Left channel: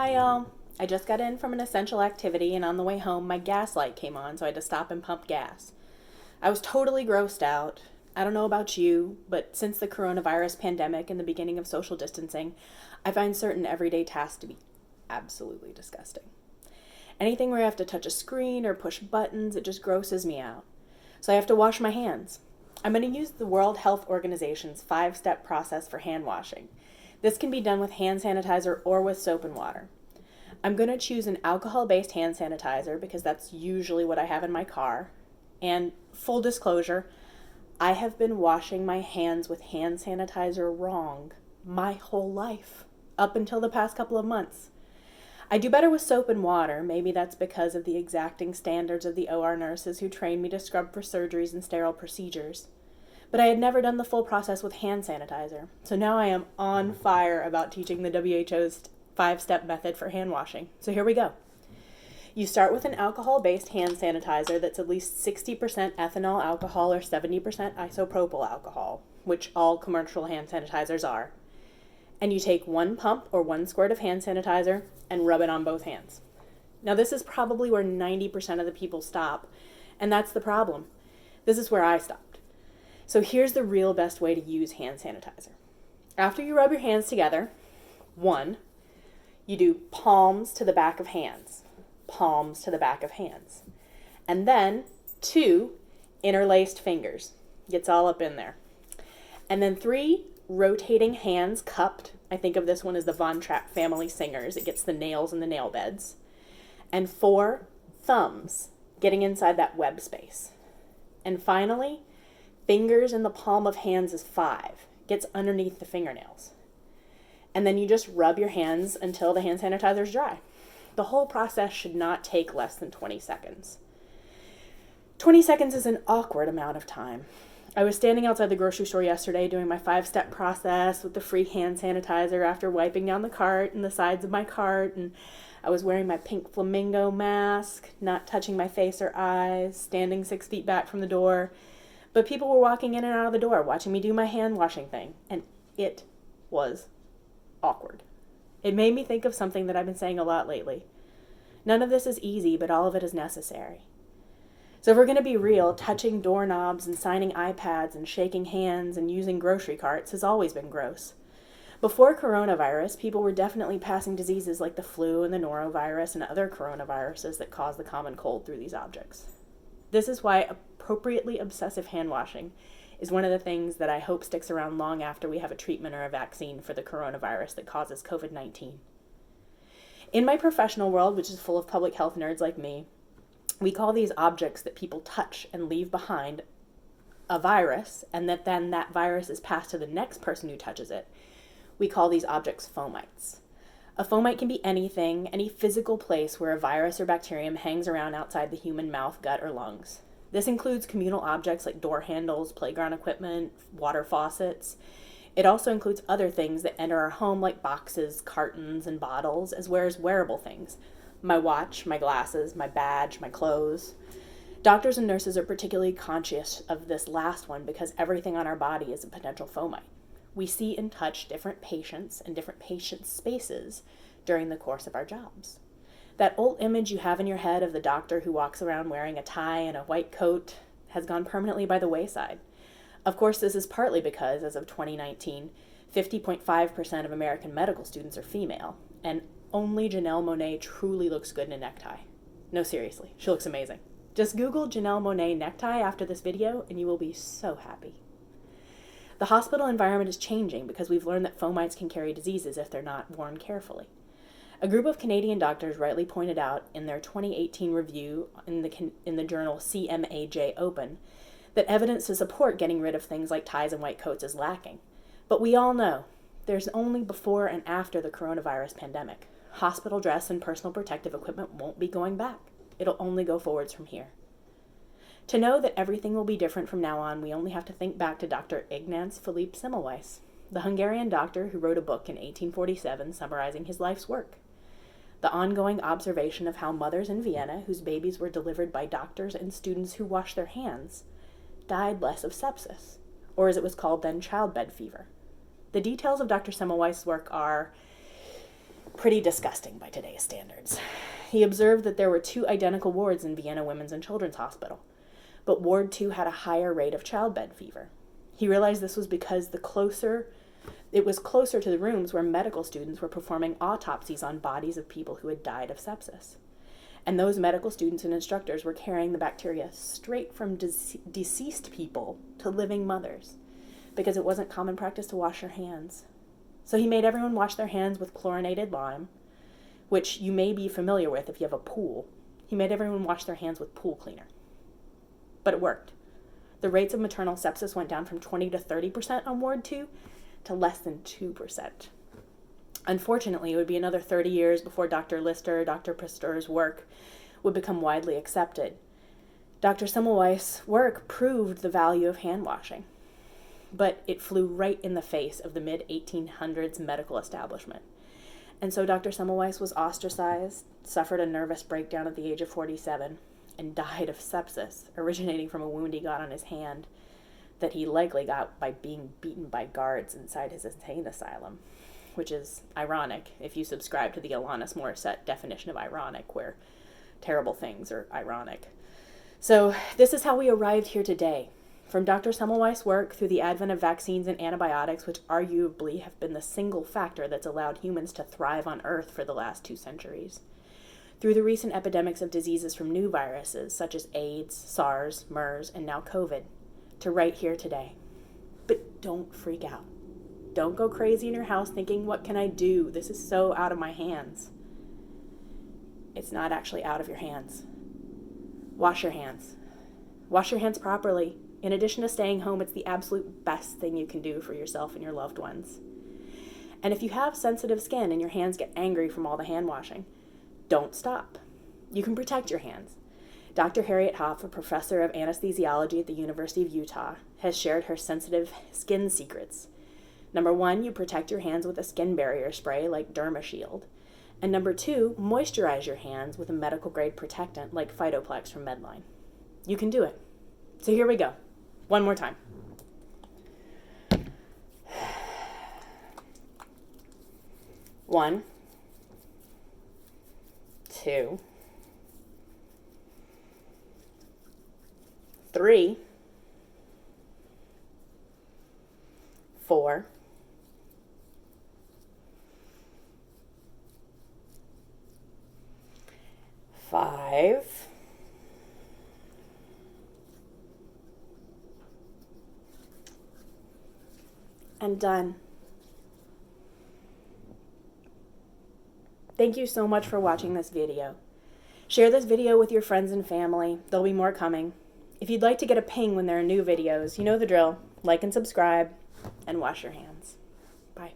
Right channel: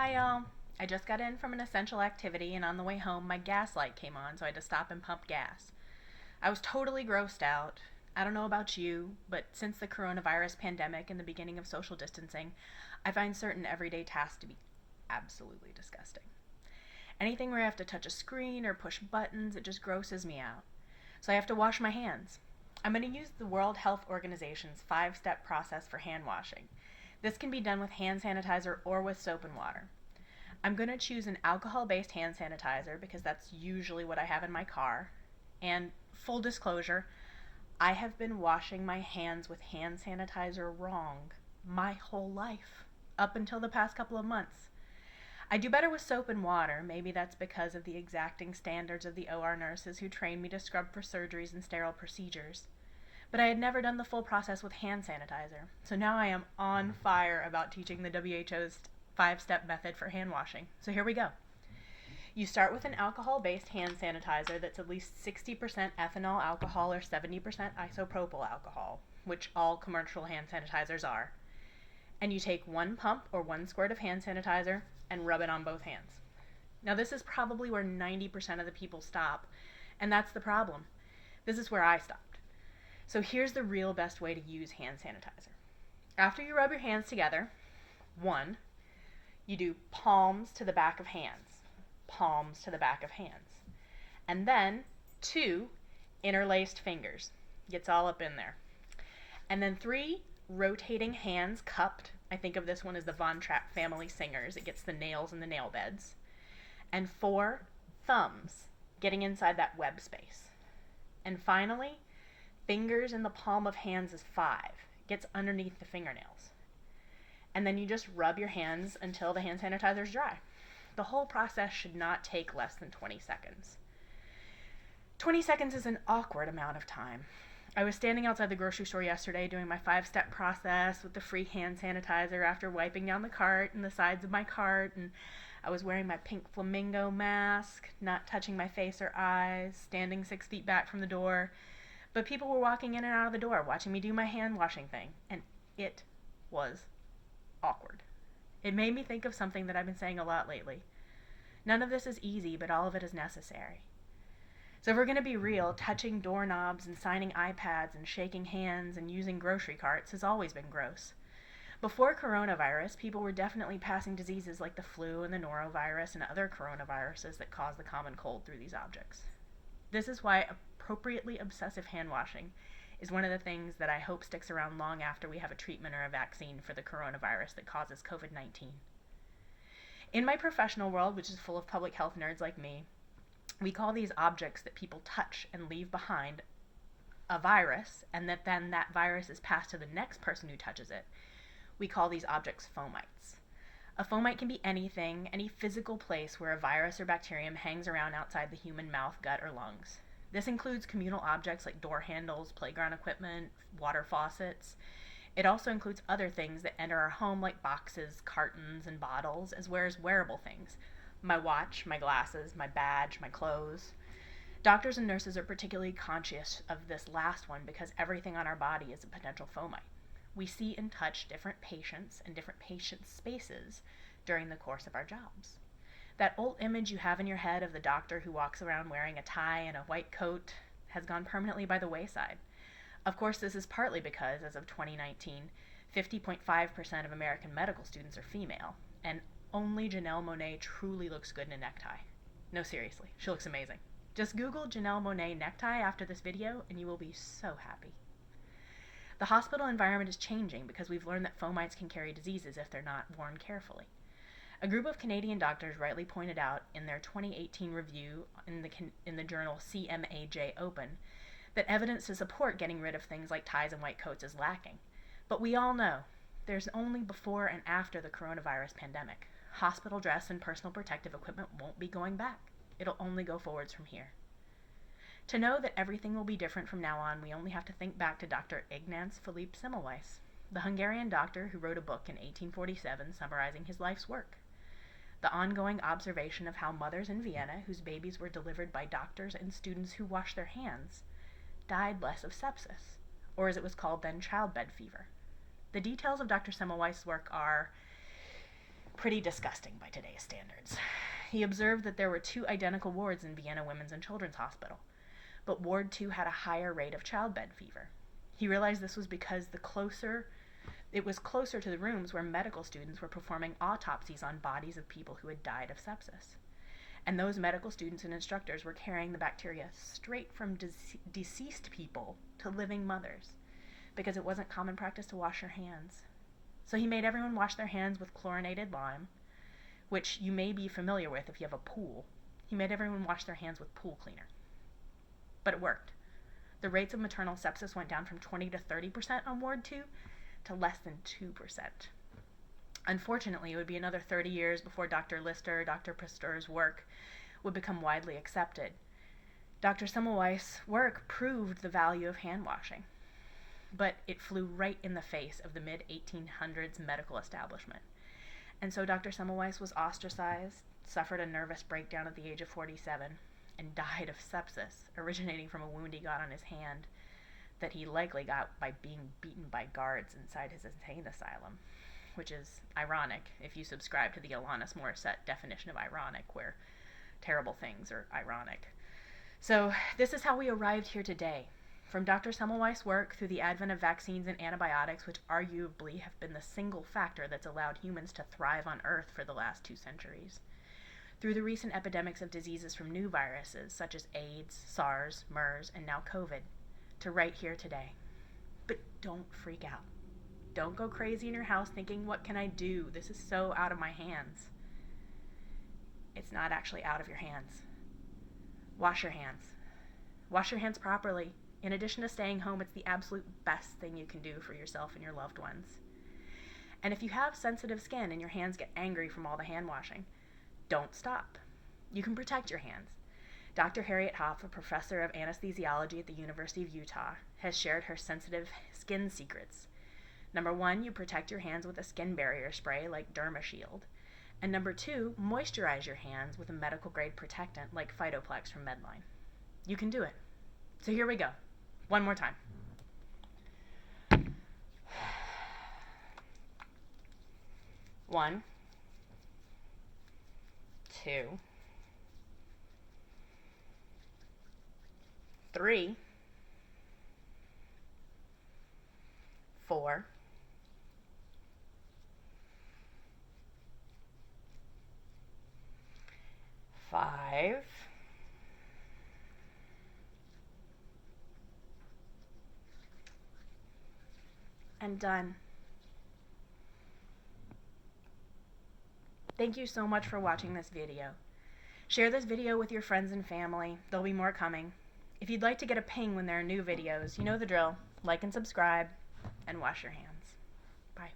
Hi y'all. I just got in from an essential activity and on the way home my gas light came on, so I had to stop and pump gas. I was totally grossed out. I don't know about you, but since the coronavirus pandemic and the beginning of social distancing, I find certain everyday tasks to be absolutely disgusting. Anything where I have to touch a screen or push buttons, it just grosses me out. So I have to wash my hands. I'm going to use the World Health Organization's 5-step process for hand washing. This can be done with hand sanitizer or with soap and water. I'm going to choose an alcohol-based hand sanitizer because that's usually what I have in my car. And full disclosure, I have been washing my hands with hand sanitizer wrong my whole life, up until the past couple of months. I do better with soap and water. Maybe that's because of the exacting standards of the OR nurses who trained me to scrub for surgeries and sterile procedures. But I had never done the full process with hand sanitizer, so now I am on fire about teaching the WHO's 5-step method for hand washing. So here we go. You start with an alcohol-based hand sanitizer that's at least 60% ethanol alcohol or 70% isopropyl alcohol, which all commercial hand sanitizers are. And you take 1 pump or 1 squirt of hand sanitizer and rub it on both hands. Now this is probably where 90% of the people stop, and that's the problem. This is where I stopped. So here's the real best way to use hand sanitizer. After you rub your hands together, 1, you do palms to the back of hands, palms to the back of hands. And then 2, interlaced fingers. Gets all up in there. And then 3, rotating hands cupped. I think of this one as the Von Trapp family singers. It gets the nails in the nail beds. And 4, thumbs, getting inside that web space. And finally, fingers in the palm of hands is 5, gets underneath the fingernails. And then you just rub your hands until the hand sanitizer is dry. The whole process should not take less than 20 seconds. 20 seconds is an awkward amount of time. I was standing outside the grocery store yesterday doing my 5-step process with the free hand sanitizer after wiping down the cart and the sides of my cart, and I was wearing my pink flamingo mask, not touching my face or eyes, standing 6 feet back from the door. But people were walking in and out of the door, watching me do my hand washing thing, and it was awkward. It made me think of something that I've been saying a lot lately. None of this is easy, but all of it is necessary. So if we're going to be real, touching doorknobs and signing iPads and shaking hands and using grocery carts has always been gross. Before coronavirus, people were definitely passing diseases like the flu and the norovirus and other coronaviruses that cause the common cold through these objects. This is why appropriately obsessive hand washing is one of the things that I hope sticks around long after we have a treatment or a vaccine for the coronavirus that causes COVID-19. In my professional world, which is full of public health nerds like me, we call these objects that people touch and leave behind a virus, and that then that virus is passed to the next person who touches it. We call these objects fomites. A fomite can be anything, any physical place where a virus or bacterium hangs around outside the human mouth, gut, or lungs. This includes communal objects like door handles, playground equipment, water faucets. It also includes other things that enter our home like boxes, cartons, and bottles, as well as wearable things. My watch, my glasses, my badge, my clothes. Doctors and nurses are particularly conscious of this last one because everything on our body is a potential fomite. We see and touch different patients and different patient spaces during the course of our jobs. That old image you have in your head of the doctor who walks around wearing a tie and a white coat has gone permanently by the wayside. Of course, this is partly because, as of 2019, 50.5% of American medical students are female, and only Janelle Monáe truly looks good in a necktie. No, seriously, she looks amazing. Just Google Janelle Monáe necktie after this video, and you will be so happy. The hospital environment is changing because we've learned that fomites can carry diseases if they're not worn carefully. A group of Canadian doctors rightly pointed out in their 2018 review in the journal CMAJ Open that evidence to support getting rid of things like ties and white coats is lacking. But we all know there's only before and after the coronavirus pandemic. Hospital dress and personal protective equipment won't be going back. It'll only go forwards from here. To know that everything will be different from now on, we only have to think back to Dr. Ignaz Philipp Semmelweis, the Hungarian doctor who wrote a book in 1847 summarizing his life's work. The ongoing observation of how mothers in Vienna, whose babies were delivered by doctors and students who washed their hands, died less of sepsis, or as it was called then, childbed fever. The details of Dr. Semmelweis' work are pretty disgusting by today's standards. He observed that there were 2 identical wards in Vienna Women's and Children's Hospital, but Ward 2 had a higher rate of childbed fever. He realized this was because it was closer to the rooms where medical students were performing autopsies on bodies of people who had died of sepsis. And those medical students and instructors were carrying the bacteria straight from deceased people to living mothers, because it wasn't common practice to wash your hands. So he made everyone wash their hands with chlorinated lime, which you may be familiar with if you have a pool. He made everyone wash their hands with pool cleaner. But it worked. The rates of maternal sepsis went down from 20 to 30% on Ward 2 to less than 2%. Unfortunately, it would be another 30 years before Dr. Lister or Dr. Pasteur's work would become widely accepted. Dr. Semmelweis' work proved the value of hand washing, but it flew right in the face of the mid-1800s medical establishment. And so Dr. Semmelweis was ostracized, suffered a nervous breakdown at the age of 47, and died of sepsis, originating from a wound he got on his hand that he likely got by being beaten by guards inside his insane asylum, which is ironic if you subscribe to the Alanis Morissette definition of ironic, where terrible things are ironic. So this is how we arrived here today. From Dr. Semmelweis' work through the advent of vaccines and antibiotics, which arguably have been the single factor that's allowed humans to thrive on Earth for the last 2 centuries. Through the recent epidemics of diseases from new viruses, such as AIDS, SARS, MERS, and now COVID, to right here today. But don't freak out. Don't go crazy in your house thinking, what can I do? This is so out of my hands. It's not actually out of your hands. Wash your hands. Wash your hands properly. In addition to staying home, it's the absolute best thing you can do for yourself and your loved ones. And if you have sensitive skin and your hands get angry from all the hand washing, don't stop. You can protect your hands. Dr. Harriet Hoff, a professor of anesthesiology at the University of Utah, has shared her sensitive skin secrets. Number 1, you protect your hands with a skin barrier spray like DermaShield. And number 2, moisturize your hands with a medical-grade protectant like Phytoplex from Medline. You can do it. So here we go. One more time. 1, 2, 3, 4, 5, and done. Thank you so much for watching this video. Share this video with your friends and family. There'll be more coming. If you'd like to get a ping when there are new videos, you know the drill. Like and subscribe, and wash your hands. Bye.